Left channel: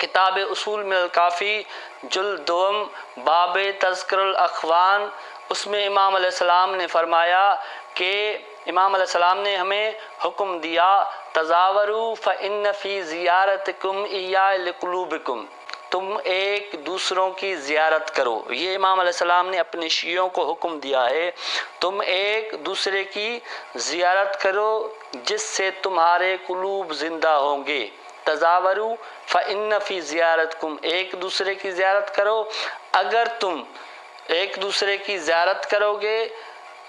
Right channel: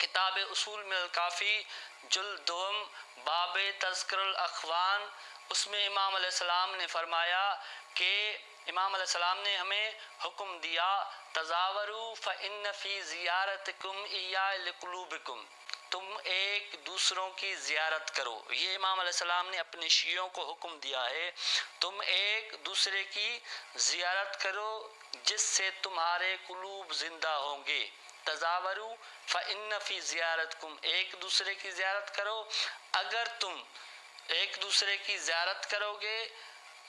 کتاب اصول من الکافی جلد دوم باب تذکر الاخوان، اس میں امام علیہ السلام نے فرمایا کہ امام علیہ السلام نے ہمیں حکم دیا تزاوروا فإن فی زیارتکم ایاء لقلوبکم، تم ایک دوسروں کی زیارت کرو۔ یہ امام علیہ السلام نے اپنے شیعوں کو حکم دیا ہے، تم ایک دوسرے کی زیارت کرو جس سے تمہارے قلوب زندہ ہوں گے۔ تزاوروا فإن فی زیارتکم، ایک دوسرے کی زیارت کرو، اگر تم ایک دوسرے کی زیارت کرو گے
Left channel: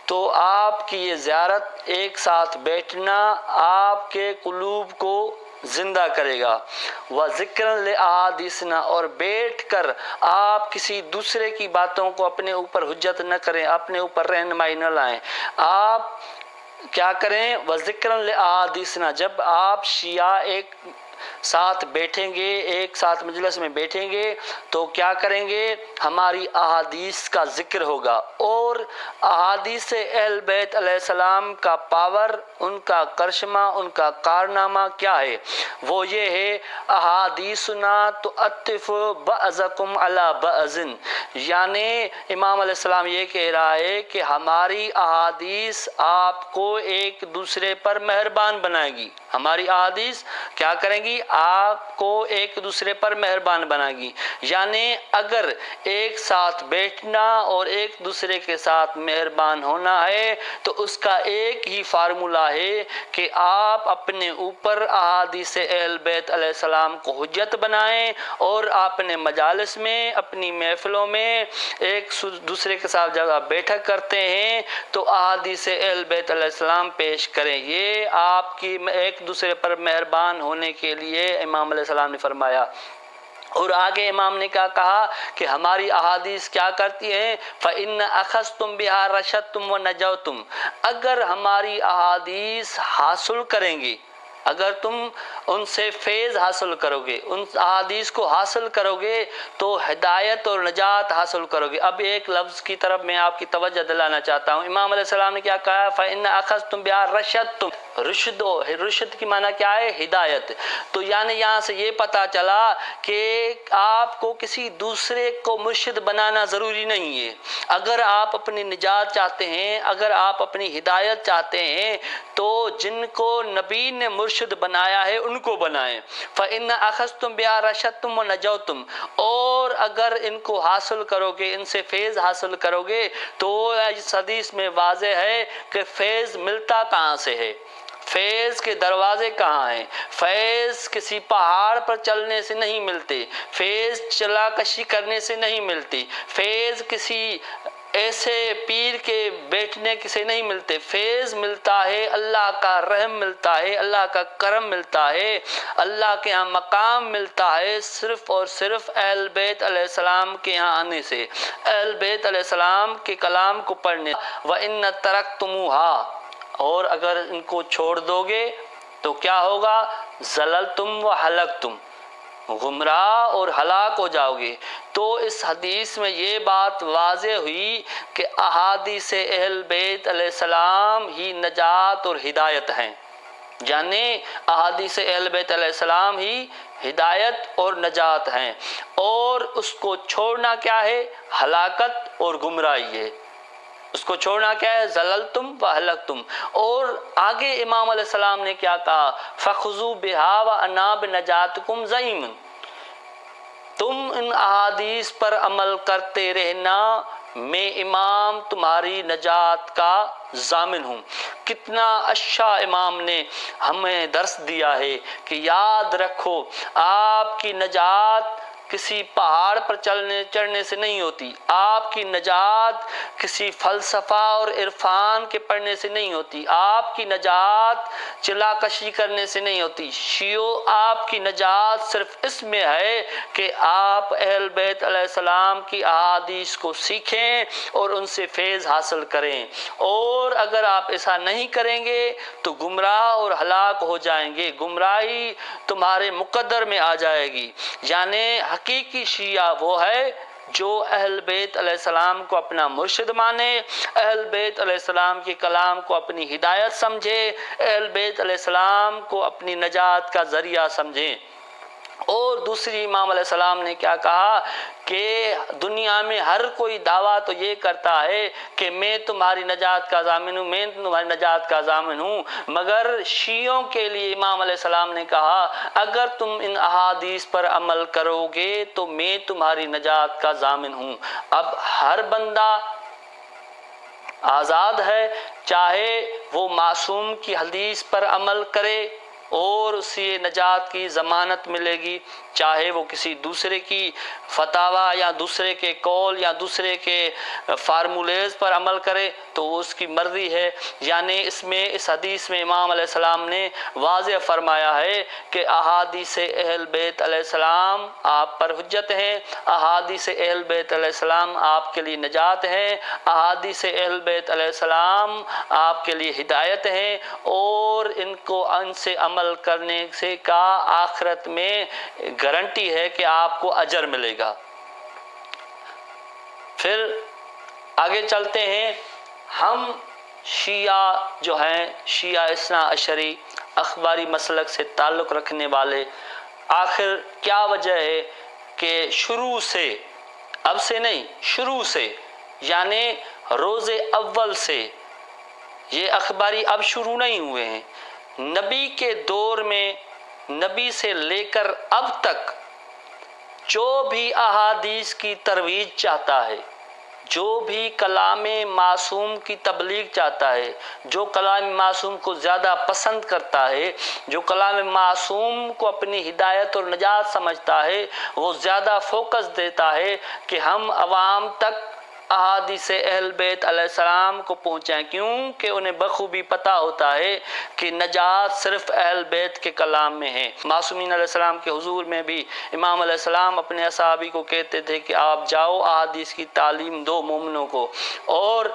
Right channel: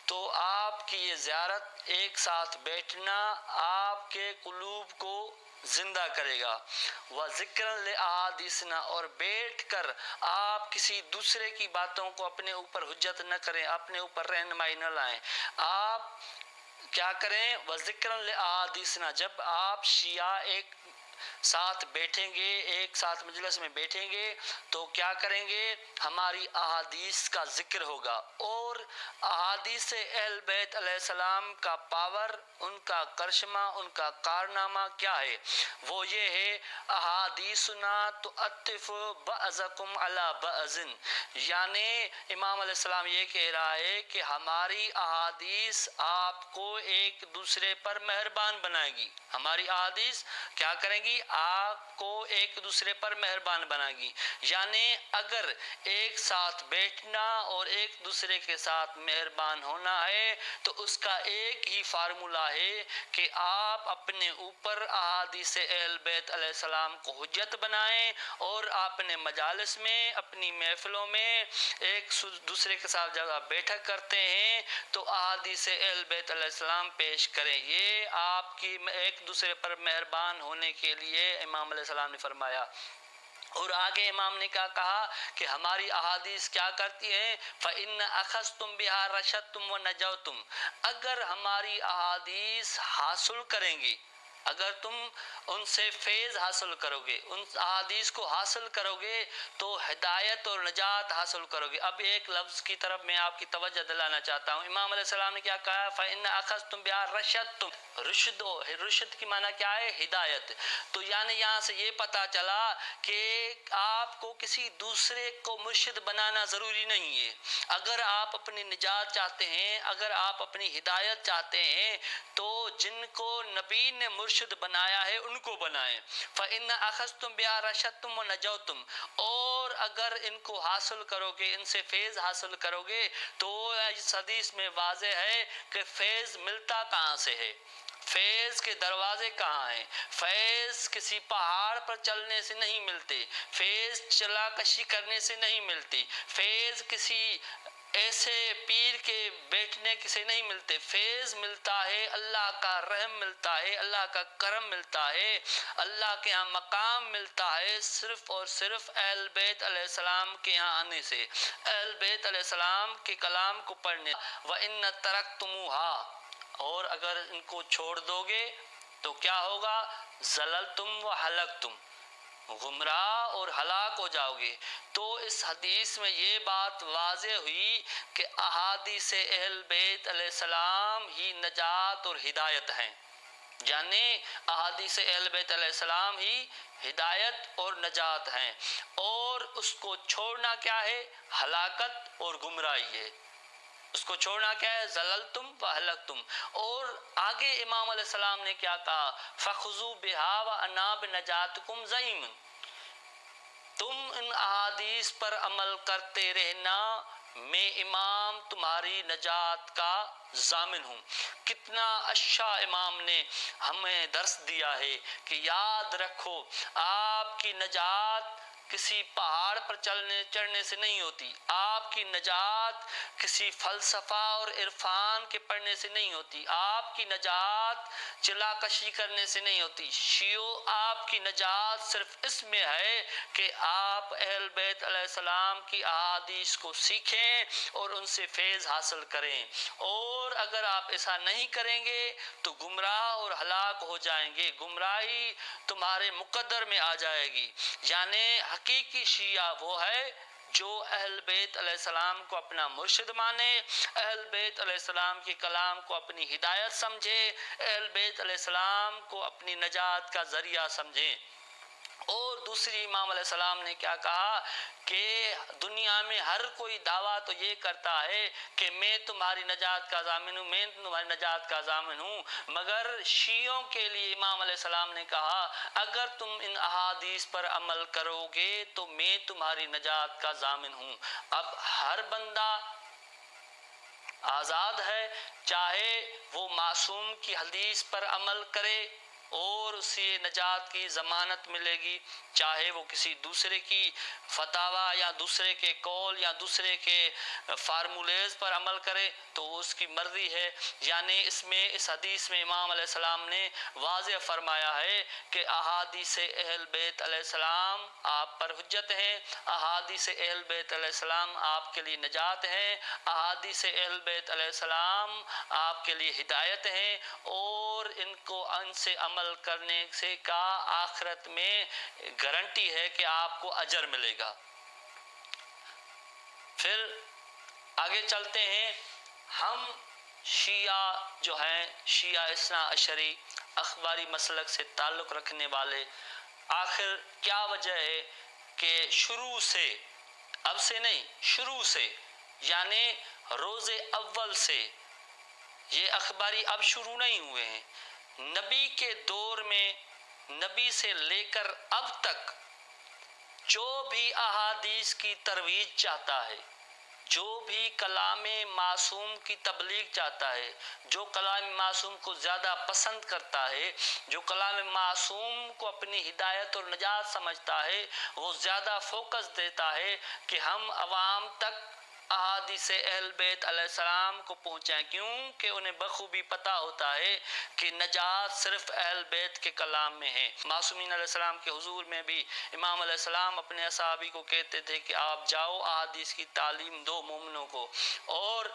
تو آپ کی یہ زیارت، ایک ساتھ بیٹھنا آپ کے قلوب کو زندہ کرے گا۔ وَذِكْرًا لِأَحَادِيثِنَا، اور بیٹھ کر آپ کسی دوسرے کی باتوں کو اپنے اوپر حجت نہ کریں، اپنے اوپر رہنمائی نہ لائیں۔ آپ کیا کریں؟ وَذِكْرًا لِأَحَادِيثِنَا، جب آپ شیعہ ایک ساتھ بیٹھیں گے، ایک ساتھ مجلس میں بیٹھیں گے تو کیا کریں گے؟ ہماری احادیث کا ذکر ہوگا، اور احادیث اہل بیت علیہ السلام کا پاور، ان کا کرشمہ، ان کا کارنامہ کیا ہے؟ وہ یہ ہے احادیثنا تؤطف بعضکم علی بعض، یعنی امام علیہ السلام یہ کہہ رہا ہے کہ ہماری احادیث آپ کو ایک دوسرے پر مہربان بنائے گی، ہماری احادیث کیا کریں گی؟ آپ کو ایک دوسرے پر مہربان بنائے گی۔ یعنی اگر ایک ساتھ بیٹھنا اور ایک دوسرے کے ساتھ مہربان ہونا ہے تو اس کا ایک ہی فارمولہ ہے کہ آپ اپنے اوپر احادیث اہل بیت علیہ السلام کو حجت بنائیں، اور اپنے مجالس میں، اپنی محفلوں میں ایک دوسرے کے ساتھ جگہ بیٹھک کرتے ہیں تو احادیث اہل بیت علیہ السلام پیش کریں۔ یہ آپ کی ایک دوسرے پر مہربان ہونے کے لیے امام علیہ السلام نے فرمایا۔ اور آگے امام نے کیا کہا کہ ہماری احادیث کیا کرتی ہیں؟ فَإِنَّ أَخَذْتُمْ بِهَا رَشَدْتُمْ وَنَجَوْتُمْ، اگر ہماری احادیث حاصل کریں گے، اگر تم ان سے فیض حاصل کرو گے، ان احادیث کو حاصل کرو گے تو ہدایت اور نجات حاصل کرو گے۔ اب ایک لفظ کی طرف میں آپ کی توجہ دلانا چاہتا ہوں۔ امام علیہ السلام نے کیا کہا؟ فَإِنَّ أَخَذْتُمْ بِهَا رَشَدْتُمْ، رشد کی معنی کیا ہے؟ ہدایت۔ تو یعنی یہاں سے یہ پتہ چلا کہ آپ کو کسی دوسرے کو مرشد بنانا ضروری نہیں ہے۔ اگر آپ اپنی نجات چاہتے ہیں، اگر آپ اپنی ہدایت چاہتے ہیں تو جن کو نبی نے مرشد بنایا ہے ان کو بنائیں۔ فَإِنَّ أَخَذْتُمْ بِهَا رَشَدْتُمْ وَنَجَوْتُمْ، اور اگر ان کو حاصل کرو گے، ان سے فیض حاصل کرو گے تو اس حدیث میں واضح ہے کہ فیض ملتا کہاں سے ہے، فیض کے دروازے کہاں ہیں؟ فیض کسی پہاڑ پر چلنے سے نہیں ملتے، فیض چلا کشی کرنے سے نہیں ملتی، فیض کسی ایسے پیر کے بیٹھنے سے نہیں ملتے، فیض ملتا ہے، اللہ کا رحم ملتا ہے، اللہ کا کرم ملتا ہے، اللہ کے ہاں مقام ملتا ہے صرف اور صرف اہل بیت علیہ السلام کے ہاں آنے سے، اہل بیت علیہ السلام کے کلام کو پڑھنے۔ وَإِنَّ تَرَكْتُمُوهَا، اور اگر ان کو چھوڑ دو گے تو کیا ہوگا؟ زللتم و ہلکتم، گمراہ اور ہلاک ہو جاؤ گے۔ تو اس حدیث میں یہ بات واضح ہوئی کہ احادیث اہل بیت علیہ السلام ہی نجات اور ہدایت ہیں، یعنی احادیث اہل بیت علیہ السلام ہی ہدایت اور نجات ہیں، اور اس کو چھوڑنا کیا ہے؟ ہلاکت اور گمراہی ہے۔ اس کو چھوڑنا کیا ہے؟ زللتم و ہلکتم۔ اور آگے امام علیہ السلام نے کیا کہا؟ فَخُذُوا بِهَا وَأَنَا بِنَجَاتِكُمْ زَعِيمٌ، تم ان احادیث پر عمل کرتے رہنا، میں امام تمہاری نجات کا ضامن ہوں۔ کتنا اچھا امام نے ہمیں درس دیا ہے کہ یاد رکھو آپ کی نجات کسی پہاڑ پر چڑھنے سے نہیں ہوتی، آپ کی نجات کسی فلسفہ اور عرفان کے پڑھنے سے نہیں ہوتی، آپ کی نجات چلا کشی کرنے سے نہیں ہوتی۔ شیعو، آپ کی نجات صرف اس میں ہے کہ آپ اہل بیت علیہ السلام کی احادیث کو سیکھیں اور ان سے فیض حاصل کریں، اور اگر آپ ایسا نہیں کریں گے تو گمراہ اور ہلاک ہو جائیں گے، گمراہی تمہارے مقدر میں آ جائے گی۔ یعنی حقیقی شیعہ وہ ہے جو اہل بیت علیہ السلام کو اپنا مرشد مانے، اہل بیت علیہ السلام کے کلام کو اپنی ہدایت سمجھے، اہل بیت علیہ السلام کو اپنی نجات کا ذریعہ سمجھیں۔ اور دوسری امام علیہ السلام نے کیا کہا کہ دنیا میں ہر کوئی دعویٰ تو یہ کرتا ہے کہ میں تمہاری نجات کا ضامن ہوں، میں تمہاری نجات کا ضامن ہوں، مگر شیعوں کے لیے امام علیہ السلام نے کہا اگر تم ان احادیث پر عمل کرو گے تو میں تمہاری نجات کا ضامن ہوں۔ اب ہر بندہ آزاد ہے، چاہے وہ معصوم کی حدیث پر عمل کرے اور اسے نجات کی ضمانت ملے گی، چاہے وہ کسی دوسرے کی فتاوی یا دوسرے کے قول یا دوسرے کے فارمولیز پر عمل کرے تو وہ اس کی مرضی ہے۔ یعنی اس حدیث میں امام علیہ السلام نے واضح فرمایا ہے کہ احادیث اہل بیت علیہ السلام آپ پر حجت ہیں، احادیث اہل بیت علیہ السلام آپ کے لیے نجات ہیں، احادیث اہل بیت علیہ السلام آپ کے لیے ہدایت ہیں، اور ان سے عمل کرنے سے کا آخرت میں گارنٹی ہے کہ آپ کو اجر ملے گا۔ پھر آگے چلتے ہیں، ہم شیعہ جو ہیں، شیعہ اثنا عشری اخباری مسلک سے تعلق رکھنے والے، آخر کیا وجہ ہے کہ شروع سے، اب سے نہیں، شروع سے یعنی روز اول سے یہ اخباری اب شروع نہیں ہوئے ہیں، نبی کے دور میں نبی سے لے کر اب تک جو بھی احادیث کی ترویج چاہتا ہے، جو بھی کلام معصوم کی تبلیغ چاہتا ہے، جو کلام معصوم کو زیادہ پسند کرتا ہے، جو کلام معصوم کو اپنی ہدایت اور نجات سمجھتا ہے، وہ زیادہ فوکس دیتا ہے کہ ہم عوام تک احادیث اہل بیت علیہ السلام کو پہنچائیں، کیونکہ انہیں بخوبی پتہ ہوتا ہے کہ نجات صرف اہل بیت کے کلام میں ہے۔ معصومین علیہ السلام کے حضور میں بھی امام علیہ السلام اپنے اصحابی کو کہتے تھے کہ آپ جاؤ احادیث کی تعلیم دو مومنوں کو، اور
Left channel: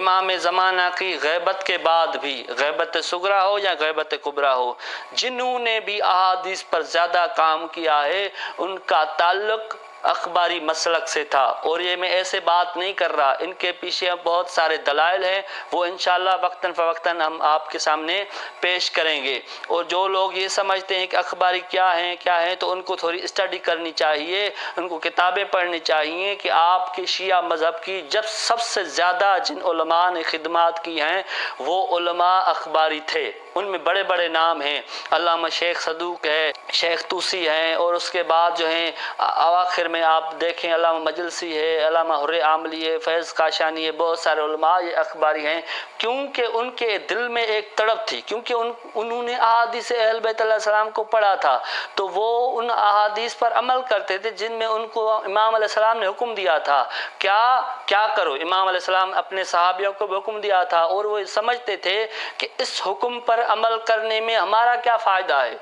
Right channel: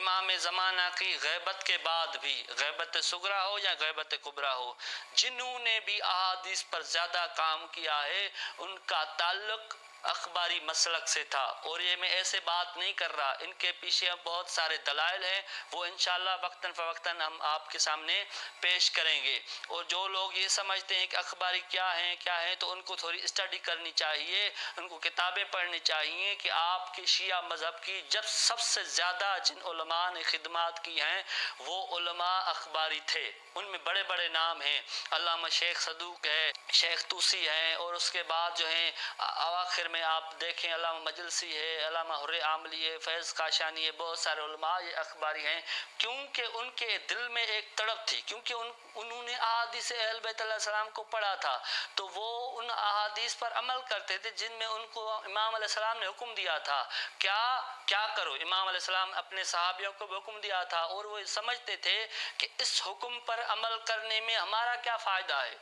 امام زمانہ کی غیبت کے بعد بھی، غیبت صغریٰ ہو یا غیبت کبریٰ ہو، جنہوں نے بھی احادیث پر زیادہ کام کیا ہے ان کا تعلق اخباری مسلک سے تھا۔ اور یہ میں ایسے بات نہیں کر رہا، ان کے پیچھے بہت سارے دلائل ہیں، وہ انشاءاللہ وقتاً فوقتاً ہم آپ کے سامنے پیش کریں گے۔ اور جو لوگ یہ سمجھتے ہیں کہ اخباری کیا ہیں تو ان کو تھوڑی اسٹڈی کرنی چاہیے، ان کو کتابیں پڑھنی چاہیے کہ آپ کے شیعہ مذہب کی جب سب سے زیادہ جن علماء نے خدمات کی ہیں وہ علماء اخباری تھے۔ ان میں بڑے بڑے نام ہیں، علامہ شیخ صدوق ہے، شیخ طوسی ہیں، اور اس کے بعد جو ہیں اواخر میں آپ دیکھیں علامہ مجلسی ہے، علامہ حر عاملی ہے، فیض کاشانی ہے، بہت سارے علماء یہ اخباری ہیں، کیونکہ ان کے دل میں ایک تڑپ تھی، کیونکہ انہوں نے احادیث اہل بیت علیہ السلام کو پڑھا تھا، تو وہ ان احادیث پر عمل کرتے تھے جن میں ان کو امام علیہ السلام نے حکم دیا تھا کیا کرو۔ امام علیہ السلام اپنے صحابیوں کو بھی حکم دیا تھا، اور وہ سمجھتے تھے کہ اس حکم پر عمل کرنے میں ہمارا کیا فائدہ ہے،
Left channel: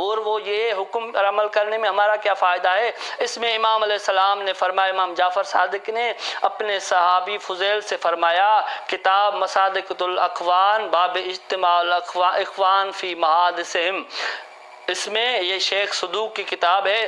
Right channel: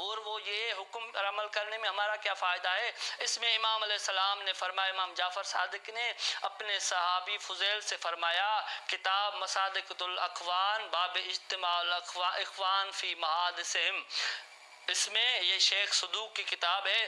اور وہ یہ حکم پر عمل کرنے میں ہمارا کیا فائدہ ہے۔ اس میں امام علیہ السلام نے فرمایا، امام جعفر صادق نے اپنے صحابی فضیل سے فرمایا، کتاب مصادقۃ الاخوان باب اجتماع الاخوان فی محادثہم، اس میں یہ شیخ صدوق کی کتاب ہے،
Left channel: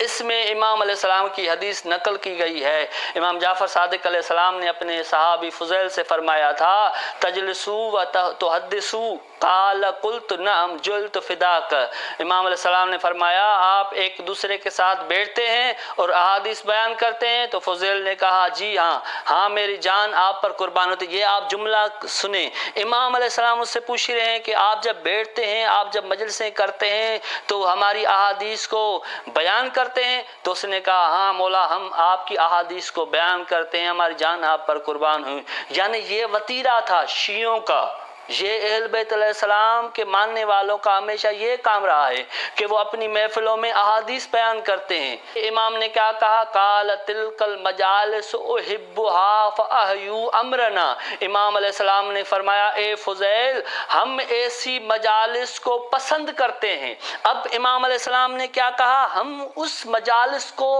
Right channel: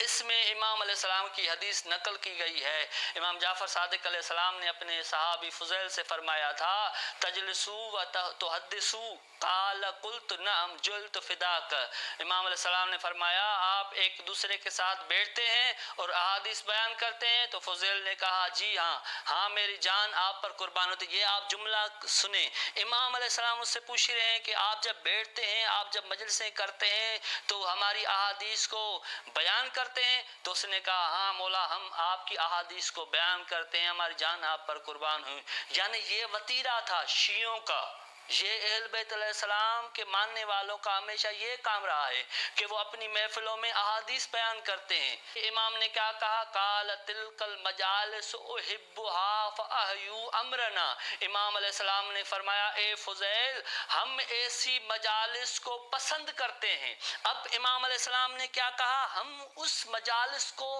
اس میں امام علیہ السلام کی حدیث نقل کی گئی ہے۔ امام جعفر صادق علیہ السلام نے اپنے صحابی فضیل سے فرمایا تھا، تجلسو و تحدثو قال قلت نعم جلت فداک۔ امام علیہ السلام نے فرمایا آپ ایک دوسرے کے ساتھ بیٹھتے ہیں اور احادیث بیان کرتے ہیں، تو فضیل نے کہا جی ہاں میری جان آپ پر قربان ہوتی۔ یہ آپ جملہ سنیں، امام علیہ السلام اس سے پوچھ رہے ہیں کہ آپ جب بیٹھتے ہیں، آپ جب مجلسیں کرتے ہیں تو ہماری احادیث کو بیان کرتے ہیں؟ تو اس نے کہا ہاں مولا، ہم آپ کی احادیث کو بیان کرتے ہیں، ہماری جان آپ پر قربان ہوئی۔ یعنی یہ وتیرہ تھا شیعوں کا، یہ اہل بیت علیہ السلام کے ماننے والوں کا ہمیشہ یہ کام رہا ہے کہ وہ اپنی محفلوں میں احادیث بیان کرتے ہیں۔ امام نے کیا کہا، قال تلک المجالس احبها فاحیوا امرنا۔ امام علیہ السلام نے فرمایا اے فضیل، ہم ایسی مجالس کو پسند کرتے ہیں۔ اب امام علیہ السلام نے کیا کہا، ہم اس مجالس کو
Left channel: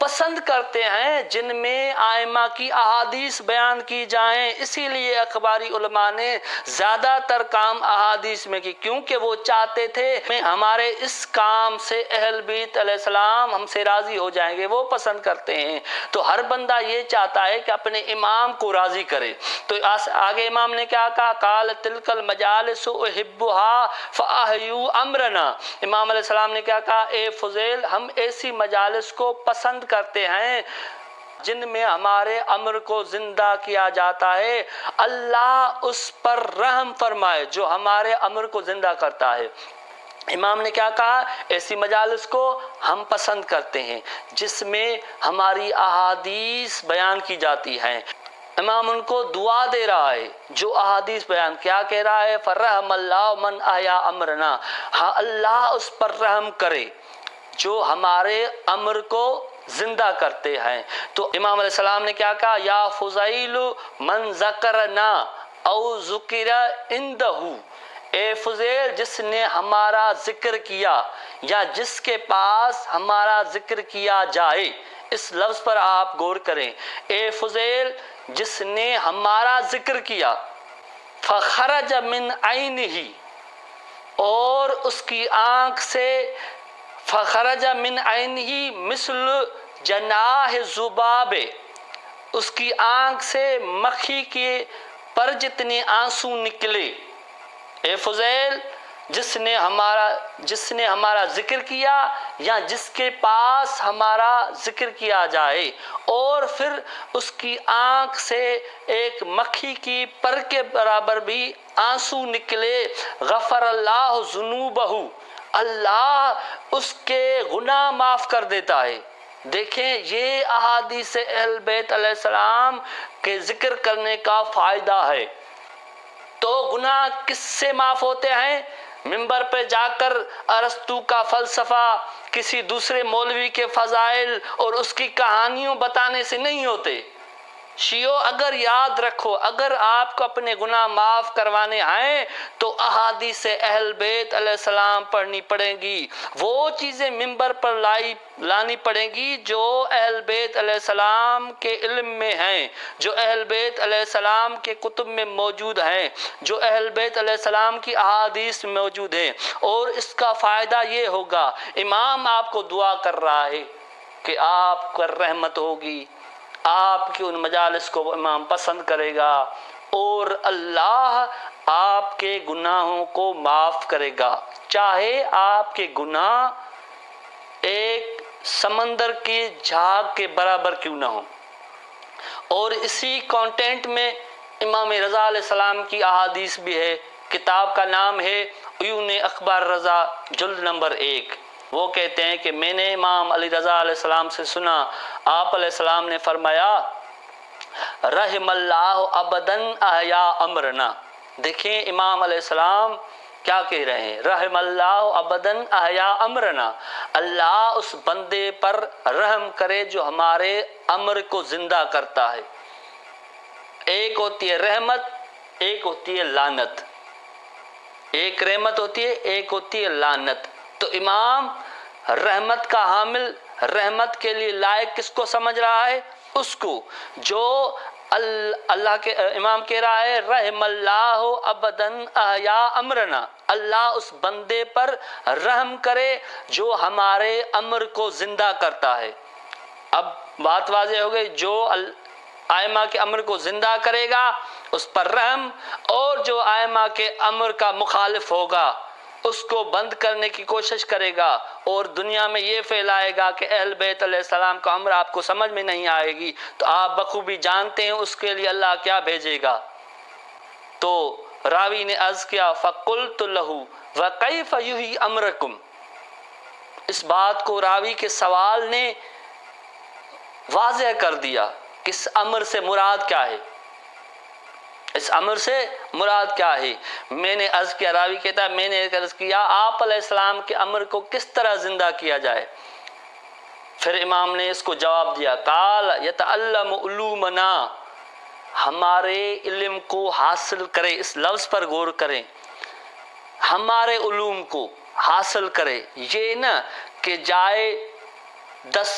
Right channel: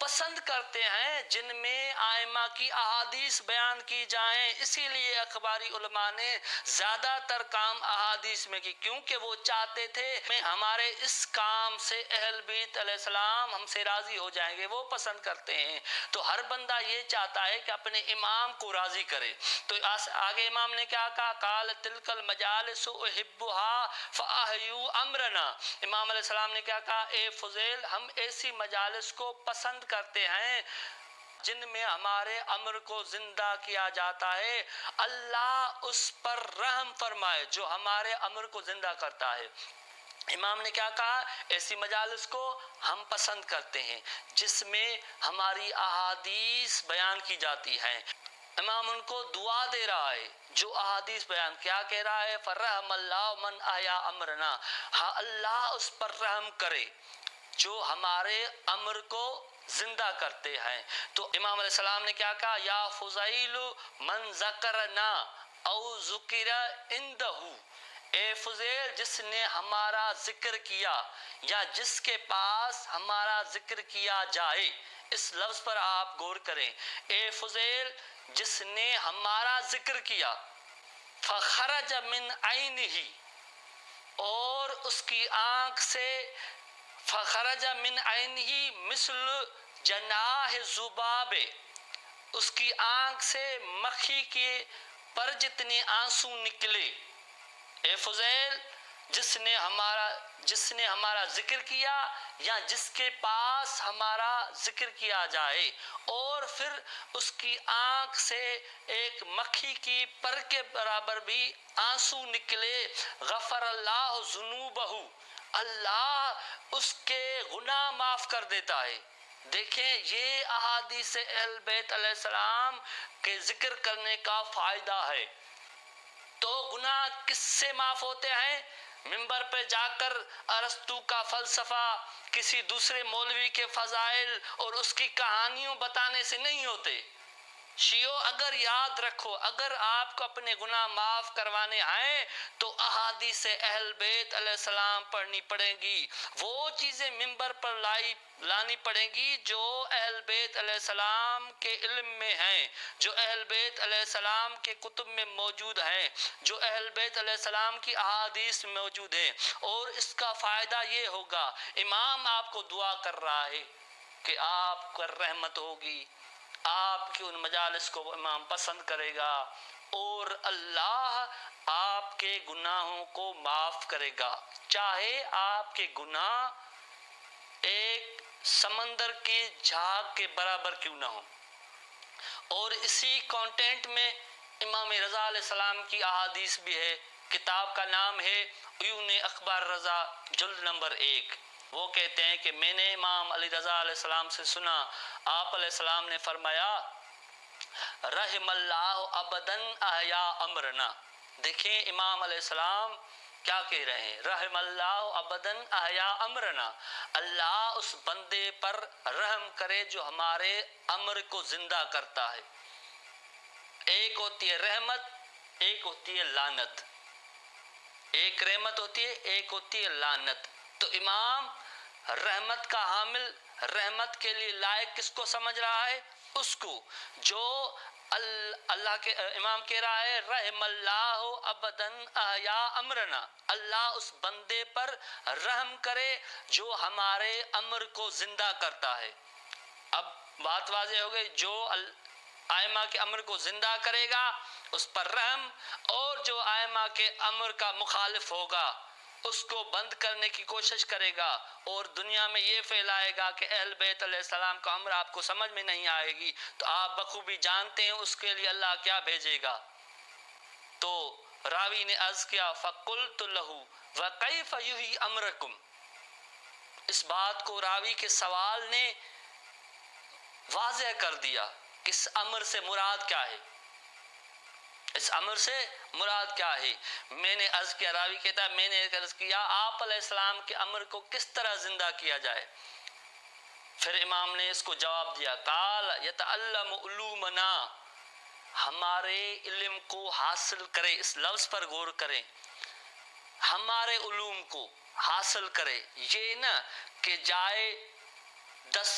پسند کرتے ہیں جن میں آئمہ کی احادیث بیان کی جائیں، اسی لیے اخباری علماء نے زیادہ تر کام احادیث میں کی، کیونکہ وہ چاہتے تھے ہمارے اس کام سے اہل بیت علیہ السلام ہم سے راضی ہو جائیں گے، وہ پسند کرتے ہیں۔ تو ہر بندہ یہ چاہتا ہے کہ اپنے امام کو راضی کرے۔ تو آگے امام نے کیا کہا، قال تلک المجالس احبھا فاحیوا امرنا۔ امام علیہ السلام نے کیا کہا، اے فضیل ہم ایسی مجالس کو پسند کرتے ہیں جن میں ہمارے امر کو زندہ کیا جاتا ہے، اللہ اس پر رحم فرمائے جو ہمارے امر کو زندہ کرتا ہے۔ امام نے کیا کہا، ایسی مجالس کو ہم پسند کرتے ہیں جس میں ہماری احادیث بیان کی جاتی ہیں۔ امام ان کو دعا دے رہا ہے جو احادیث بیان کیا کہہ رہا ہے، فرحم اللہ من احیا امرنا، ہاں اللہ اس پر رحم کرے جو ہمارے امر کو زندہ کرتے ہیں۔ تو امام علیہ السلام نے کیا کہا، یا فضیل من ذکرنا او ذکر عندہ، اے فضیل جس نے ہمارا ذکر کیا یا جس کے پاس ہمارا ذکر کیا جائے، اس لفظ پر آپ غور کریں، اے فضیل جس نے ہمارا ذکر کیا، فخرج من عینہ، اور اس کی آنکھ سے، فخرج من عینہ مثل جناح ذباب، اس کی آنکھ سے مکھی کے پر جتنے آنسو نکلے۔ اے فضیل جس نے ہمارا ذکر کیا یا جس کے پاس ہمارا ذکر کیا جائے اور پھر اس کی آنکھ سے ایک مکھی کی پر کے برابر بھی آنسو نکلے، غفر اللہ ذنوبہ، اللہ اس کے گناہ معاف کر دیتا ہے۔ دیکھیں یہ احادیث اہل بیت علیہ السلام کے ذکر کرنے کا فائدہ ہے۔ تو گناہ کس سے معاف ہوتے ہیں؟ منبر پہ جا کر ارسطو کا فلسفہ، کسی دوسرے مولوی کے فضائل اور اس کی کہانیوں بتانے سے نہیں ہوتے۔ شیعو اگر یاد رکھو، اگر آپ کو اپنے گناہ معاف کروانے آئیں تو احادیث اہل بیت علیہ السلام پڑھنی پڑیں گی، وہ چیزیں منبر پر لانی پڑیں گی جو اہل بیت علیہ السلام کے علم میں ہیں، جو اہل بیت علیہ السلام کے کتب میں موجود ہیں، جو اہل بیت علیہ السلام کی احادیث میں موجود ہیں۔ اور اس کا فائدہ یہ ہوگا، امام آپ کو دعا کر رہا ہے کہ آپ پر رحمت ہوگی، آپ کی ان مجالس کو امام پسند کرے گا اور اللہ آپ کے گناہوں کو معاف کرے گا، چاہے آپ کے گناہ ایک سمندر کی جھاگ کے برابر کیوں نہ ہو۔ اور اسی کانٹینٹ میں امام رضا علیہ السلام کی احادیث بھی ہے، کتاب کا نام ہے عیون اخبار رضا، جلد نمبر 1۔ وہ کہتے ہیں کہ میں نے امام علی رضا علیہ السلام سے سنا، آپ علیہ السلام نے فرمایا، رحم اللہ ابداً احیا امرنا۔ دیکھیں امام علیہ السلام کیا کہہ رہے ہیں، رحم اللہ ابداً احیا امرنا، اللہ اس بندے پر رحم کرے جو ہمارے امر کو زندہ کرتا ہے۔ ایک ہوتی ہے رحمت، ایک ہوتی ہے لعنت، ایک رحمت ہوتی ہے، ایک ہوتی ہے لعنت۔ تو امام رحمت کا حامل، رحمت کے لیے لائق کس کو سمجھ رہا ہے؟ اس کو جو اللہ کے امام کہہ رہا ہے، رحم اللہ ابداً احیا امرنا، اللہ اس بندے پر رحم کرے جو ہمارے امر کو زندہ کرتا ہے۔ اب بات واضح ہو گئی، جو آئمہ کے امر کو زندہ کرے گا اس پر رحم، اور جو آئمہ کے امر کا مخالف ہوگا اس کو بند کرنے کی کوشش کرے گا اور دنیا میں یہ پھیلائے گا کہ اہل بیت علیہ السلام کا امر آپ کو سمجھ میں نہیں آئے گی، تو آپ بخوبی جانتے ہیں اس کے لیے اللہ کیا بھیجے گا۔ تو راوی نے عرض کیا، فَقُلْتُ لَهُ وَكَيْفَ يُحْيِي أَمْرَكُمْ، اس بات کو راوی کے سوال نے واضح کر دیا کہ اس امر سے مراد کیا ہے، اس امر سے مراد کیا ہے۔ میں نے عرض کیا، راوی کہتا ہے میں نے عرض کیا آپ علیہ السلام کے امر کو کس طرح زندہ کیا جائے؟ پھر امام نے اس کو جواب دیا، قال یتعلم علومنا، ہمارے علم کو حاصل کرے، اس لفظ پر غور کریں، ہمارے علوم کو حاصل کرے، یہ نہ کہ جائے 10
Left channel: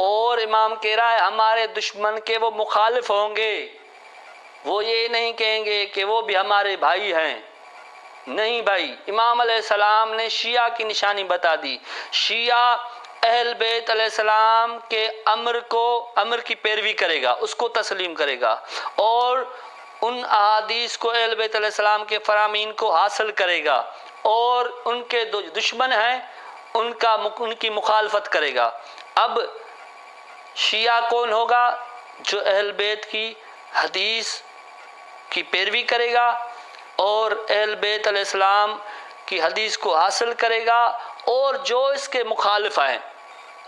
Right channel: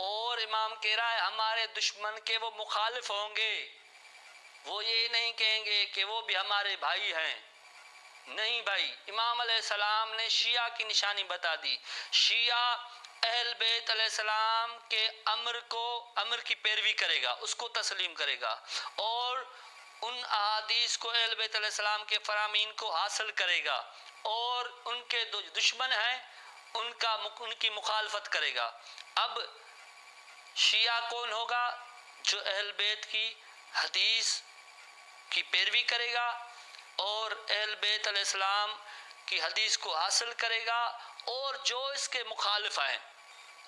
اور امام کہہ رہا ہے ہمارے دشمن کے وہ مخالف ہوں گے، وہ یہ نہیں کہیں گے کہ وہ بھی ہمارے بھائی ہیں، نہیں بھائی۔ امام علیہ السلام نے شیعہ کی نشانی بتا دی۔ شیعہ اہل بیت علیہ السلام کے امر کی پیروی کرے گا، اس کو تسلیم کرے گا، اور ان احادیث کو اہل بیت علیہ السلام کے فرامین کو حاصل کرے گا، اور ان کے دشمن ہیں ان کی مخالفت کرے گا۔ اب شیعہ کون ہوگا؟ جو اہل بیت کی حدیث کی پیروی کرے گا اور اہل بیت علیہ السلام کی حدیث کو حاصل کرے گا، اور جو اس کے مخالف ہیں،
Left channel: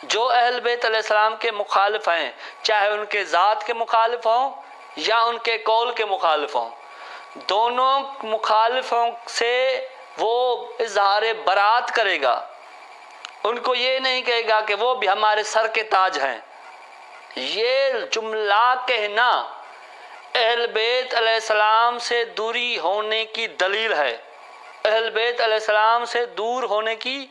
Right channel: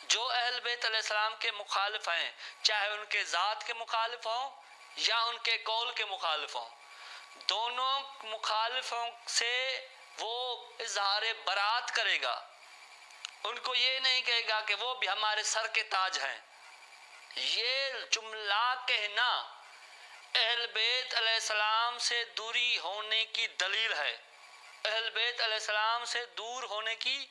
جو اہل بیت علیہ السلام کے مخالف ہیں، چاہے ان کے ذات کے مخالف ہوں یا ان کے قول کے مخالف ہوں، دونوں مخالفوں سے وہ اظہار برات کرے گا۔ ان کو یہ نہیں کہے گا کہ وہ بھی ہمارے سر کے تاج ہیں۔ یہ جملہ کہنا اہل بیت علیہ السلام سے دوری ہونے کی دلیل ہے، اہل بیت علیہ السلام سے دور ہونے کی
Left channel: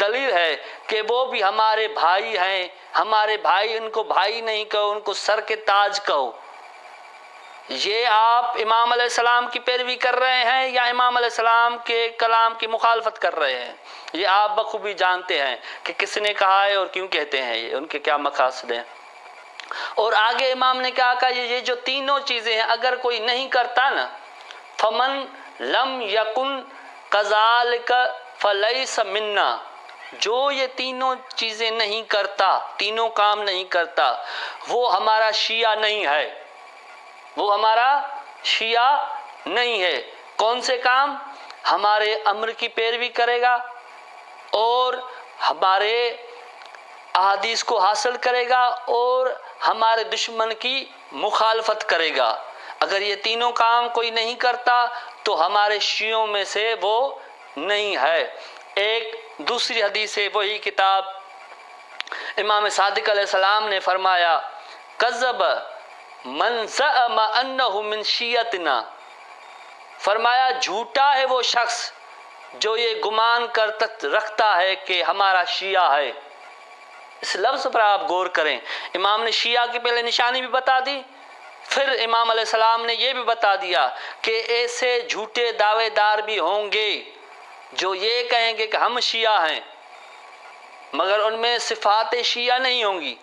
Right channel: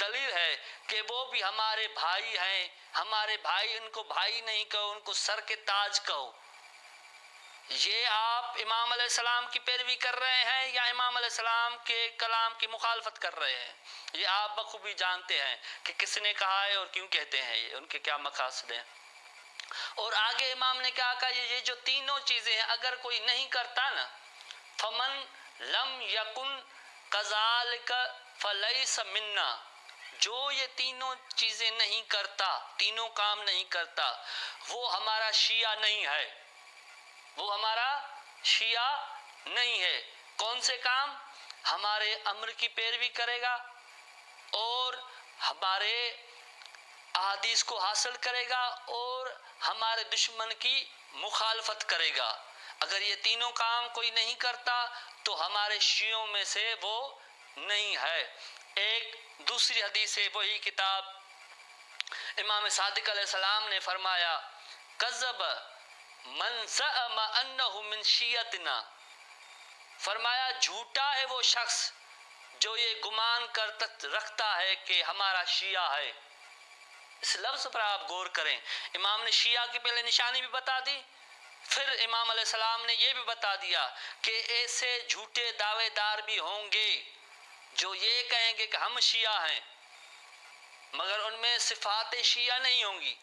دلیل ہے کہ وہ بھی ہمارے بھائی ہیں، ہمارے بھائی، ان کو بھائی نہیں کہو، ان کو سر کے تاج کہو۔ یہ آپ امام علیہ السلام کی پیروی کر رہے ہیں یا امام علیہ السلام کے کلام کی مخالفت کر رہے ہیں؟ یہ آپ بخوبی جانتے ہیں کہ کس نے کہا ہے اور کیوں کہتے ہیں، یہ ان کے کیا مقاصد ہیں۔ اور آگے امام نے کہا کہ یہ جو تینوں چیزیں ہیں اگر کوئی نہیں کرتا نا، فمن لم یکن کذالک فلیس منا، جو یہ تینوں چیزیں نہیں کرتا، تینوں کام نہیں کرتا، وہ ہمارا شیعہ نہیں ہے، وہ ہمارا شیعہ نہیں ہے۔ کون سے کام؟ ہمارے امر کی پیروی کرے گا اور ہمارے احادیث کو حاصل کرے گا اور ہمارے دشمن کی مخالفت کرے گا۔ اگر یہ تینوں کام کوئی نہیں کرتا تو ہمارے شیعوں میں سے وہ نہیں ہے۔ ایک دوسری حدیث ہے، وہی کتاب امام صادق علیہ السلام نے فرمایا، کذب من زعم انہ من شیعتنا، فرمایا جھوٹا ہے وہ شخص جو یہ گمان رکھتا ہے کہ ہمارا شیعہ ہے۔ اس لفظ پر آپ غور کریں، امام نے شیعہ کی پہلے نشانی بھی بتا دی، پھر امام علیہ السلام نے یہ بھی بتا دیا کہ ایسے جھوٹے دعوے دار بھی ہوں گے جو یہ کہیں گے کہ ہم شیعہ ہیں، مگر ان میں صفات شیعہ نہیں ہوں گی۔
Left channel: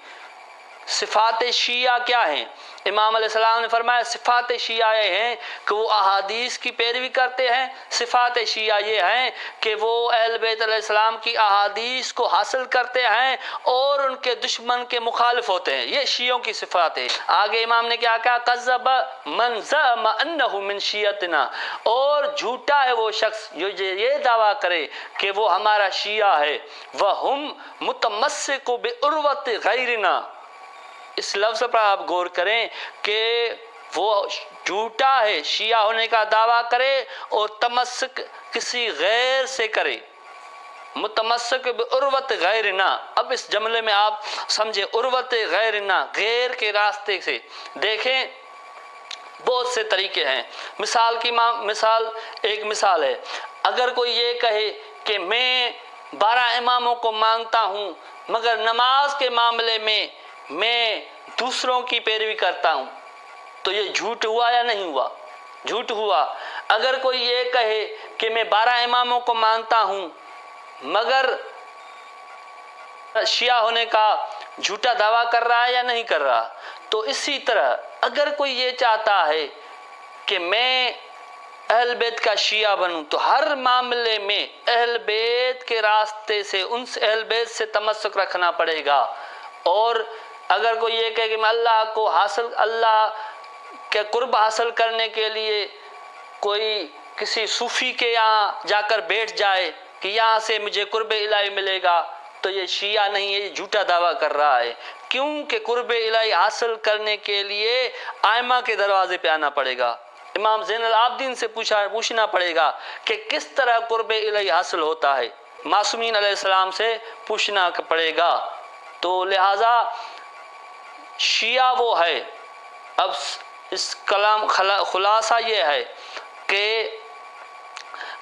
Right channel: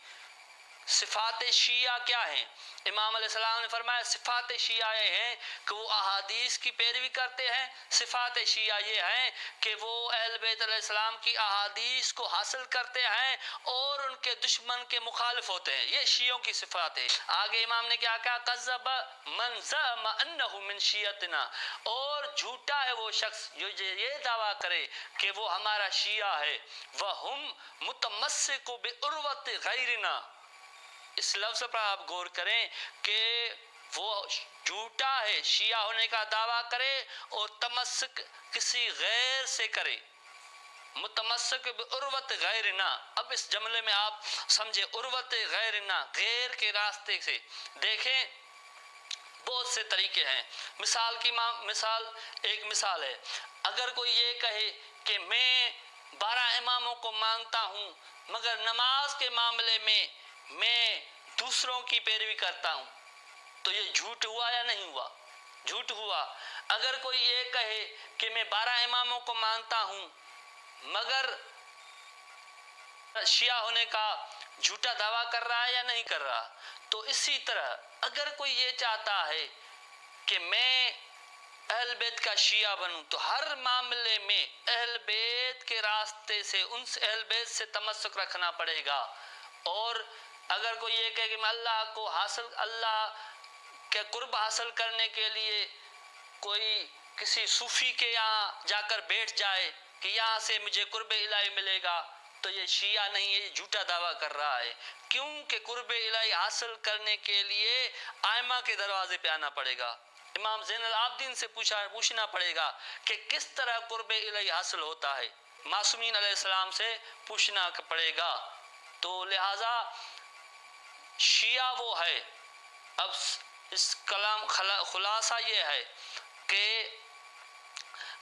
صفات شیعہ کیا ہیں؟ امام علیہ السلام نے فرمایا صفات شیعہ یہ ہیں کہ وہ احادیث کی پیروی کرتے ہیں، صفات شیعہ یہ ہیں کہ وہ اہل بیت علیہ السلام کی احادیث کو حاصل کرتے ہیں اور ان کے دشمن کے مخالف ہوتے ہیں۔ یہ شیعوں کی صفات ہے۔ آگے امام نے کیا کہا، کذب من زعم انہ من شیعتنا، اور جھوٹا ہے وہ شخص جو یہ دعویٰ کرے کہ وہ ہمارا شیعہ ہے، وہم متمسک بعروۃ غیرنا۔ اس لفظ پر آپ غور کریں کہ وہ جھوٹا ہے، شیعہ ہونے کا دعویٰ کرے اور تمسک کسی غیر سے کرے، متمسک بعروۃ غیرنا۔ اب اس جملے میں آپ سمجھے عروۃ غیرنا، غیر کے راستے سے۔ دیکھیں بہت سے طریقے ہیں، ایک مثال ہے، اگر کوئی یہ کہے کہ میں 12 اماموں کو مانتا ہوں مگر نماز کے معاملے میں دوسروں کی پیروی کرتا ہوں، تو یہ جھوٹ ہوا یا نہیں ہوا؟ جھوٹ ہوا۔ اگر کوئی یہ کہے کہ میں 12 اماموں کو مانتا ہوں مگر شیعہ ہونے کا جھوٹا دعویٰ کر رہا ہے یا نہیں کر رہا؟ تو اسی طرح اگر کوئی یہ چاہتا ہے کہ میں اہل بیت کا شیعہ بنوں تو ہر معاملے میں اہل بیت کے راستے سے، ان سے اہل بیت سے تمسک رکھنا پڑے گا۔ اور اگر کوئی یہ کہے کہ میں اللہ کے قرب حاصل کرنے کے لیے کوئی کسی صوفی کے یہاں جا کر بیٹھ جائے کہ یہاں سے مجھے قرب الہی ملے گا، تو یہ شیعہ نہیں ہے، یہ جھوٹا دعویٰ کر رہا ہے، کیونکہ قرب الہی حاصل کرنے کے لیے ائمہ کے دروازے پہ آنا پڑے گا، امام زین العابدین سے پوچھنا پڑے گا کہ کس طرح قرب الہی حاصل ہوتا ہے، معصومین علیہ السلام سے پوچھنا پڑے گا۔ تو لہٰذا شیعہ وہ ہے۔ اب اس کلام خلاصہ یہ ہے کہ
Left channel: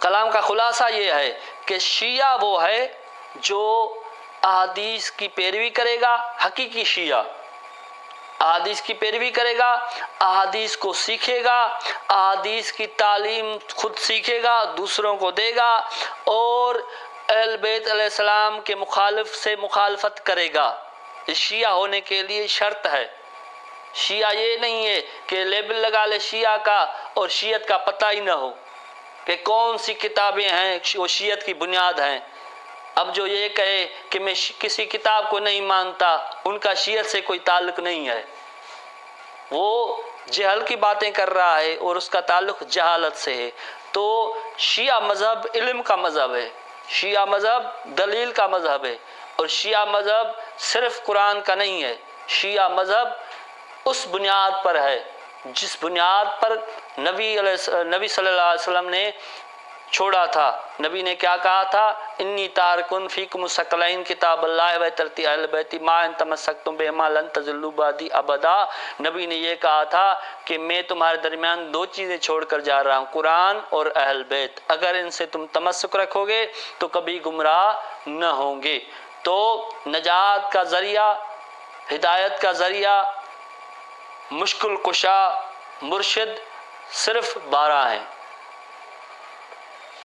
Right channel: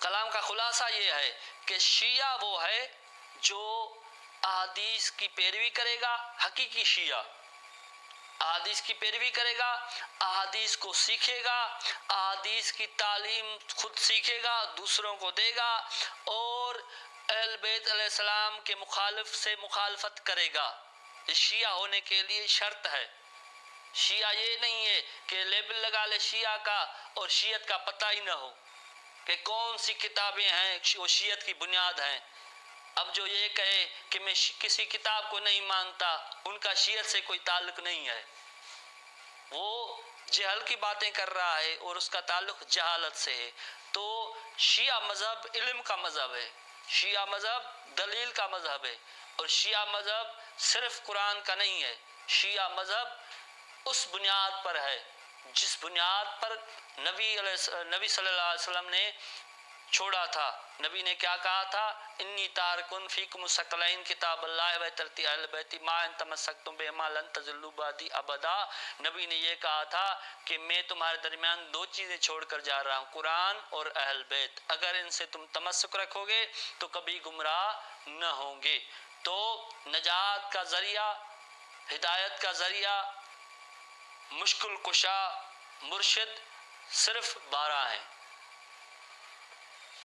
کلام کا خلاصہ یہ ہے کہ شیعہ وہ ہے جو احادیث کی پیروی کرے گا حقیقی شیعہ، احادیث کی پیروی کرے گا، احادیث کو سیکھے گا، احادیث کی تعلیم خود سیکھے گا، دوسروں کو دے گا، اور اہل بیت علیہ السلام کے مخالف سے مخالفت کرے گا۔ اس شیعہ ہونے کے لیے شرط ہے۔ شیعہ یہ نہیں ہے کہ لیبل لگا لے شیعہ کا اور شیعت کا پتہ ہی نہ ہو کہ کون سی کتابیں ہیں وہ شیعت کی بنیاد ہیں۔ اب جو یہ کہے کہ میں کسی کتاب کو نہیں مانتا، ان کا شیعت سے کوئی تعلق نہیں ہے، وہ جہل کی باتیں کر رہا ہے اور اس کا تعلق جہالت سے ہے۔ تو شیعہ مذہب علم کا مذہب ہے، شیعہ مذہب دلیل کا مذہب ہے، اور شیعہ مذہب صرف قرآن کا نہیں ہے۔ شیعہ مذہب اس بنیاد پر ہے جس بنیاد پر نبی صلی اللہ علیہ وسلم نے چھوڑا تھا۔ نبی نے کیا کہا تھا؟ انی تارکن فیکم الثقلین کتاب اللہ و ترتی اہل بیتی ما ان تمسکتم بہما لن تضلوا بعدی ابدا۔ نبی نے یہ کہا تھا کہ میں تمہارے درمیان دو چیزیں چھوڑ کر جا رہا ہوں، قرآن اور اہل بیت، اگر ان سے تم تمسک رکھو گے تو کبھی گمراہ نہ ہوں گے۔ تو نجات کا ذریعہ، ہدایت کا ذریعہ، مشکل کشا، مرشد صرف 12 ہیں۔